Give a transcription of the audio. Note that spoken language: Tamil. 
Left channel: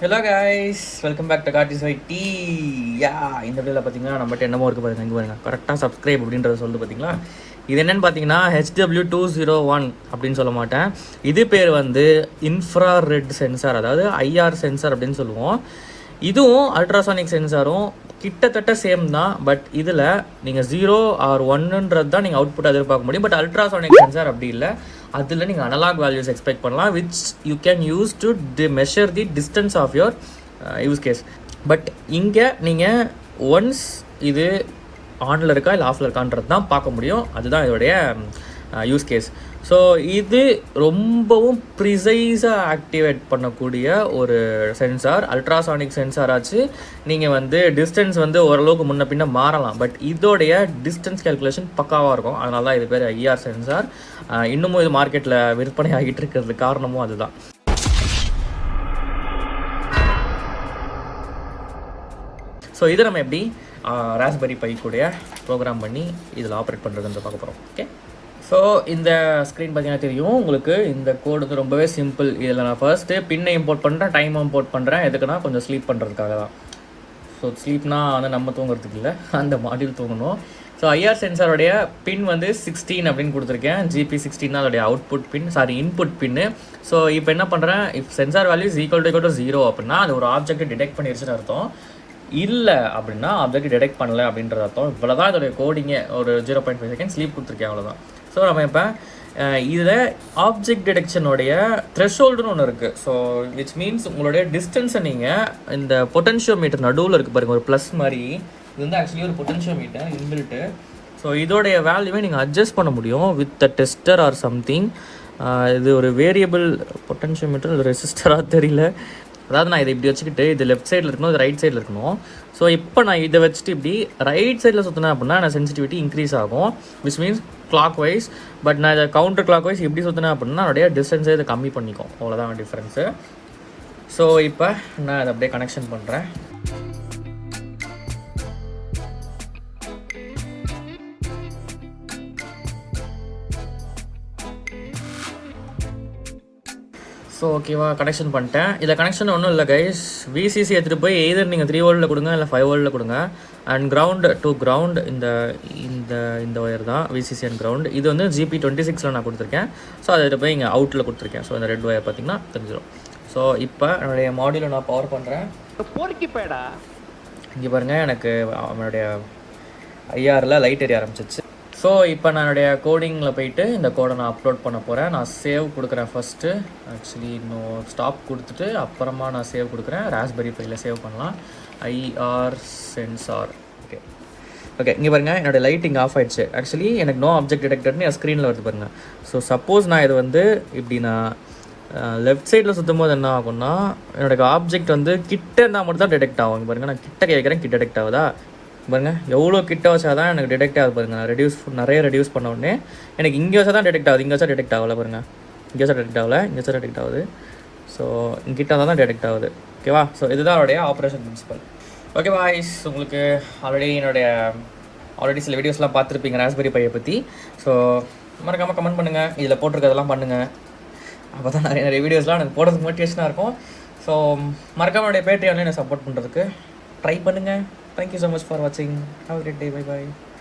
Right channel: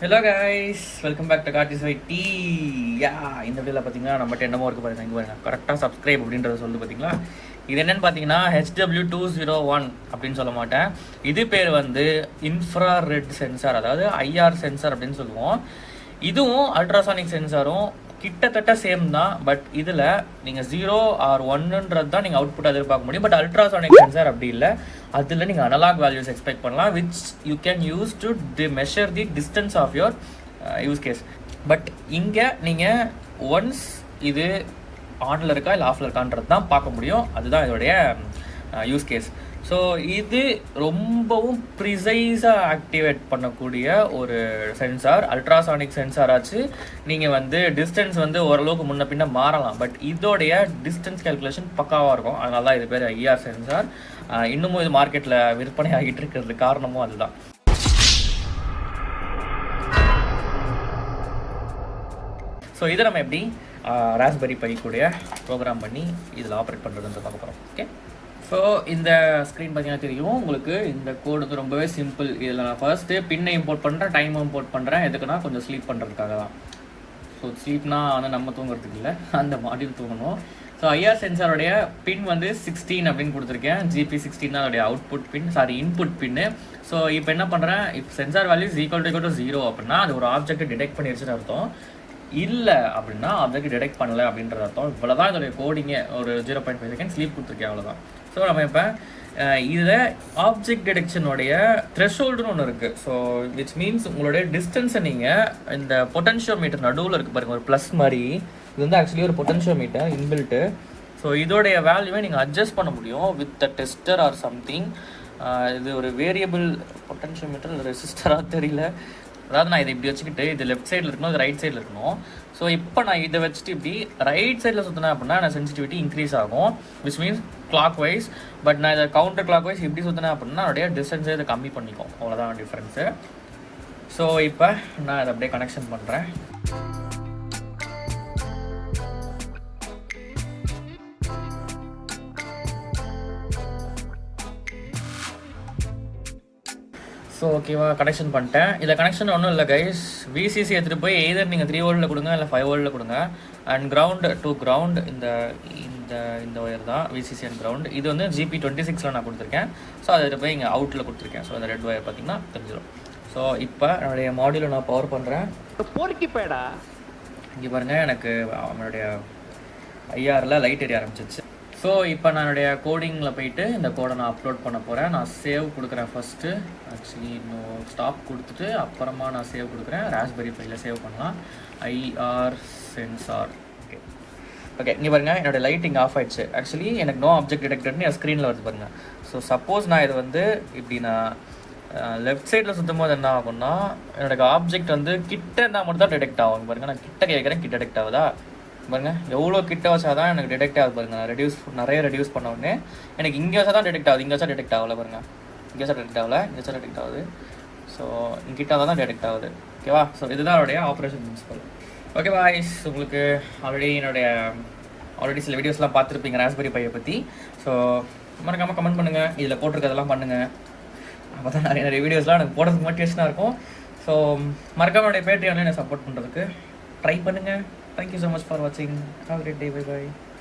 Hello guys, welcome back to கார்டிஸ் ஐடி. இந்த வீடியோவில் பார்த்தீங்கன்னா நம்மகிட்ட என்னமோ இருக்குது பாருங்கள். இங்கே பாருங்கள், கரெக்டாக சப்ஸ்கிரைப் அப்படின்றத சொல்லுது பார்த்தீங்களா. இது என்னென்னு பார்த்தீங்கன்னா HW201 அப்படின்னு சொல்ல மாட்டேன். இது பேர் வந்து இன்ஃப்ராரெட் சென்சார், அதாவது ஐஆர் சென்சார் அப்படின்னு சொல்லுவோம். இதுவும் அல்ட்ராசானிக் சென்சாரும் கிட்டத்தட்ட சேம் தான். பட் இதில் நீங்கள் 0 ஆர் 1ன்றது தான் நீங்கள் அவுட்புட் எதிர்பார்க்க முடியும். பட் அல்ட்ராசானிக் சென்சார் அப்படி இல்லை. அதில் நீங்கள் அனலாக் வேல்யூஸ் எக்ஸ்பெக்ட் பண்ணலாம், which you can use to measure the distance of your use case. But இங்கே நீங்கள் ஒன்ஸ் இது ஆனில் இருக்கா இல்லை ஆஃபில் இருக்கான்றது தான் பார்க்க முடியும். அதுதான் இதோடைய யூஸ் கேஸ். ஸோ இது ரொம்பவும் ப்ரிசைஸாக ஆக்டிவேட் பண்ணக்கூடிய ஒரு சென்சார். அல்ட்ராசானிக் சென்சார் ஆச்சு. நீங்கள் வந்து டிஸ்டன்ஸ் வந்து ஓரளவுக்கு முன்ன பின்ன மாறலாம், பட் இதோடைய டிஸ்டன்ஸ் கேல்குலேஷன் பக்காவாக இருக்கும். அதனால தான் இது பேர் ஐஆர் சென்சார். இன்னமும் இது மார்க்கெட்டில் விற்பனை ஆகிட்டு இருக்கிறது காரணமும் அதுதான். ஸோ இதை நம்ம எப்படி ராஸ்பெரி பை கூட ப்ரோக்ராம் பண்ணி இதில் ஆப்ரேட் பண்ணுறதுன்ற பார்க்க போகிறோம். ஓகே, ஸோ இந்த ஸ்க்ரீன் பார்த்தீங்கன்னா தெரியும் உங்களுக்கு. இந்த கோடு வந்து ரொம்பவே சிம்பிள். இதில் நான் ஃபர்ஸ்ட்டு பின்னை இம்போர்ட் பண்ணுறேன், டைம் இம்போர்ட் பண்ணுறேன். எதுக்குன்னா கொஞ்சம் ஸ்லீப் பண்ணுறதுக்காக தான். ஸோ ஸ்லீப்னா வந்து நம்ம தூங்குறதுக்கு இல்லை, அந்த மாடியூல் தூங்கணும். ஸோ ஐஆர் சென்சாரோடைய பின் வந்து 16 அப்படின்னு கொடுத்துருக்கேன். GP16 அதோடைய அவுட்புட் பின், இன்புட் பின்னு. ஸோ இப்போ என்ன பண்ணுறேன், இப்போ சென்சார் வேல்யூஸ் ஈக்குவல் டு 0 அப்படின்னா அது ஒரு ஆப்ஜெக்ட் டிடெக்ட் பண்ணிடுச்சுன்னு அர்த்தம். இல்லை அப்படின்னா ஆப்ஜெக்ட் டிடெக்ட் பண்ணல அப்படின்ற அர்த்தம். இவ்வளோ தான் இதோடைய கோடிங்க. ஒரு 0.5 செகண்ட் ஸ்லீப் கொடுத்துருக்கேன், அவ்வளோதான். ஸோ நம்ம இப்போ இதில் ஆப்ஜெக்ட் டிடெக்ஷனுடைய த்ரெஷ்ஹோல்டுன்னு ஒன்று இருக்குது. ஸோ விச் மீன்ஸ் உங்களுடைய டிஸ்டன்ஸை நீங்கள் இந்த பொட்டன்ஷியோமீட்டர் நடுவில் இருக்குது பாருங்கள், ஒரு ப்ளஸ் மாதிரி. இது வந்து ஆக்சுவலி ஒரு பொட்டன்ஷியோமீட்டர் இன்பில்ட்டு. ஸோ இதோடைய வேல்யூவை நீங்கள் அட்ஜஸ்ட் பண்ண முடியும் with a tester or something. இது ஒரு வேரியபிள் பொட்டன்ஷியோமீட்டர், இது ரெசிஸ்டராக தெரியல. அதாவது நான் இதை இப்படி வச்சுக்கிட்டு இது லெஃப்ட் சைடில் இருக்கணும், இது ரைட் சைடில் இருக்கணும். ஸோ இப்போ நான் இதை வச்சுட்டு இப்படி ரைட் சைடில் சுற்றினேன் அப்படின்னா நான் சென்சிட்டிவிட்டி இன்க்ரீஸ் ஆகும், which means clockwise. But நான் இதை கவுண்டர் கிளாக் வைஸ் இப்படி சுற்றினேன் அப்படின்னா அதோடைய டிஸ்டன்ஸை இதை கம்மி பண்ணிக்கும். அவ்வளோதான் டிஃப்ரென்ஸு. ஸோ இப்போ நான் அதை அப்படியே கனெக்ஷன் பண்ணுறேன். ஸோ ஓகேவா, கனெக்ஷன் பண்ணிட்டேன். இதில் கனெக்ஷன் ஒன்றும் இல்லை கைஸ். VCC எடுத்துகிட்டு போய் எய்தர் நீங்கள் 3 வோல்ட்டில் கொடுங்க இல்லை 5 வோல்ட்டில் கொடுங்க. அண்ட் கிரவுண்டு டு கிரவுண்ட் இந்த இந்த இந்த ஒயர் தான் VCC அண்ட் கிரவுண்ட். இது வந்து GP26 நான் கொடுத்துருக்கேன். ஸோ அதை போய் இங்கே அவுட்டில் கொடுத்துருக்கேன். ஸோ இந்த ரெட் ஒயர் பார்த்தீங்கன்னா தெரிஞ்சிடும். ஸோ இப்போ என்னுடைய மாடியூலை நான் பவர் பண்ணுறேன். இங்கே பாருங்கள், எனக்கு என்னுடைய ஐஆரில் லைட் எரிய ஆரம்பிச்சிச்சு. ஸோ இப்போ நான் என்னுடைய கோடிங்கில் போயிட்டு இந்த கோடை நான் அப்லோட் பண்ண போகிறேன். நான் சேவ் கொடுக்குறேன் ஃபஸ்ட்டு. ஆக்சுவலி இன்னும் ஸ்டாப் கொடுத்துட்டு அப்புறமா நான் சேவ் கொடுக்குறேன். ராஸ்பெரி பையில் சேவ் பண்ணலாம். IR sensor. ஓகே ஓகே, இங்கே பாருங்கள், என்னோடய லைட் இங்கே ஆஃப் ஆகிடுச்சு. ஆக்சுவலி எனக்கு நோ ஆப்ஜெக்ட் டிடெக்டட்னு என் ஸ்க்ரீனில் வருது பாருங்கள். ஸோ சப்போஸ் நான் இது வந்து இப்படி நான் லெஃப்ட் சைடில் சுற்றும் போது என்ன ஆகும்னா என்னோட ஆப்ஜெக்ட் வந்து கிட்ட இருந்தால் மட்டும் தான் டிடெக்ட் ஆகும். பாருங்கள், நான் கிட்ட கேட்குறேன், கிட்ட டிடெக்ட் ஆகுதா பாருங்கள். எவ்வளோ கிட்ட வச்சா தான் எனக்கு டிடெக்ட் ஆகுது பாருங்கள். நிறைய ரெடியூஸ் பண்ண உடனே எனக்கு இங்கே வச்சா தான் டிடெக்ட் ஆகுது. இங்கே வச்சா டிடெக்ட் ஆகலை பாருங்கள். இங்கே வச்சா டிடெக்ட் ஆகலை, இங்கே வச்சா டிடெக்ட் ஆகுது. ஸோ இங்கிட்ட தான் டிடெக்ட் ஆகுது. ஓகேவா. ஸோ இதுதான் அவருடைய ஆப்ரேஷன் பிரின்சிபல். ஓகே பாய்ஸ், உங்களுக்கு ஆல்ரெடி சில வீடியோஸ்லாம் பார்த்துருப்பீங்க ராஸ்பெரி பையை பற்றி. ஸோ மறக்காமல் கமெண்ட் பண்ணுங்கள், இதில் போட்டிருக்கதெல்லாம் பண்ணுங்கள். அப்போ தான் நிறைய வீடியோஸ்லாம் எனக்கு போடுறதுக்கு மோட்டிவேஷனாக இருக்கும். ஸோ மறக்காம என்னுடைய பேட்டியாலே என்னை சப்போர்ட் பண்ணுறதுக்கு ட்ரை பண்ணுங்கள். Thank you so much for watching. Have a great day. Bye bye.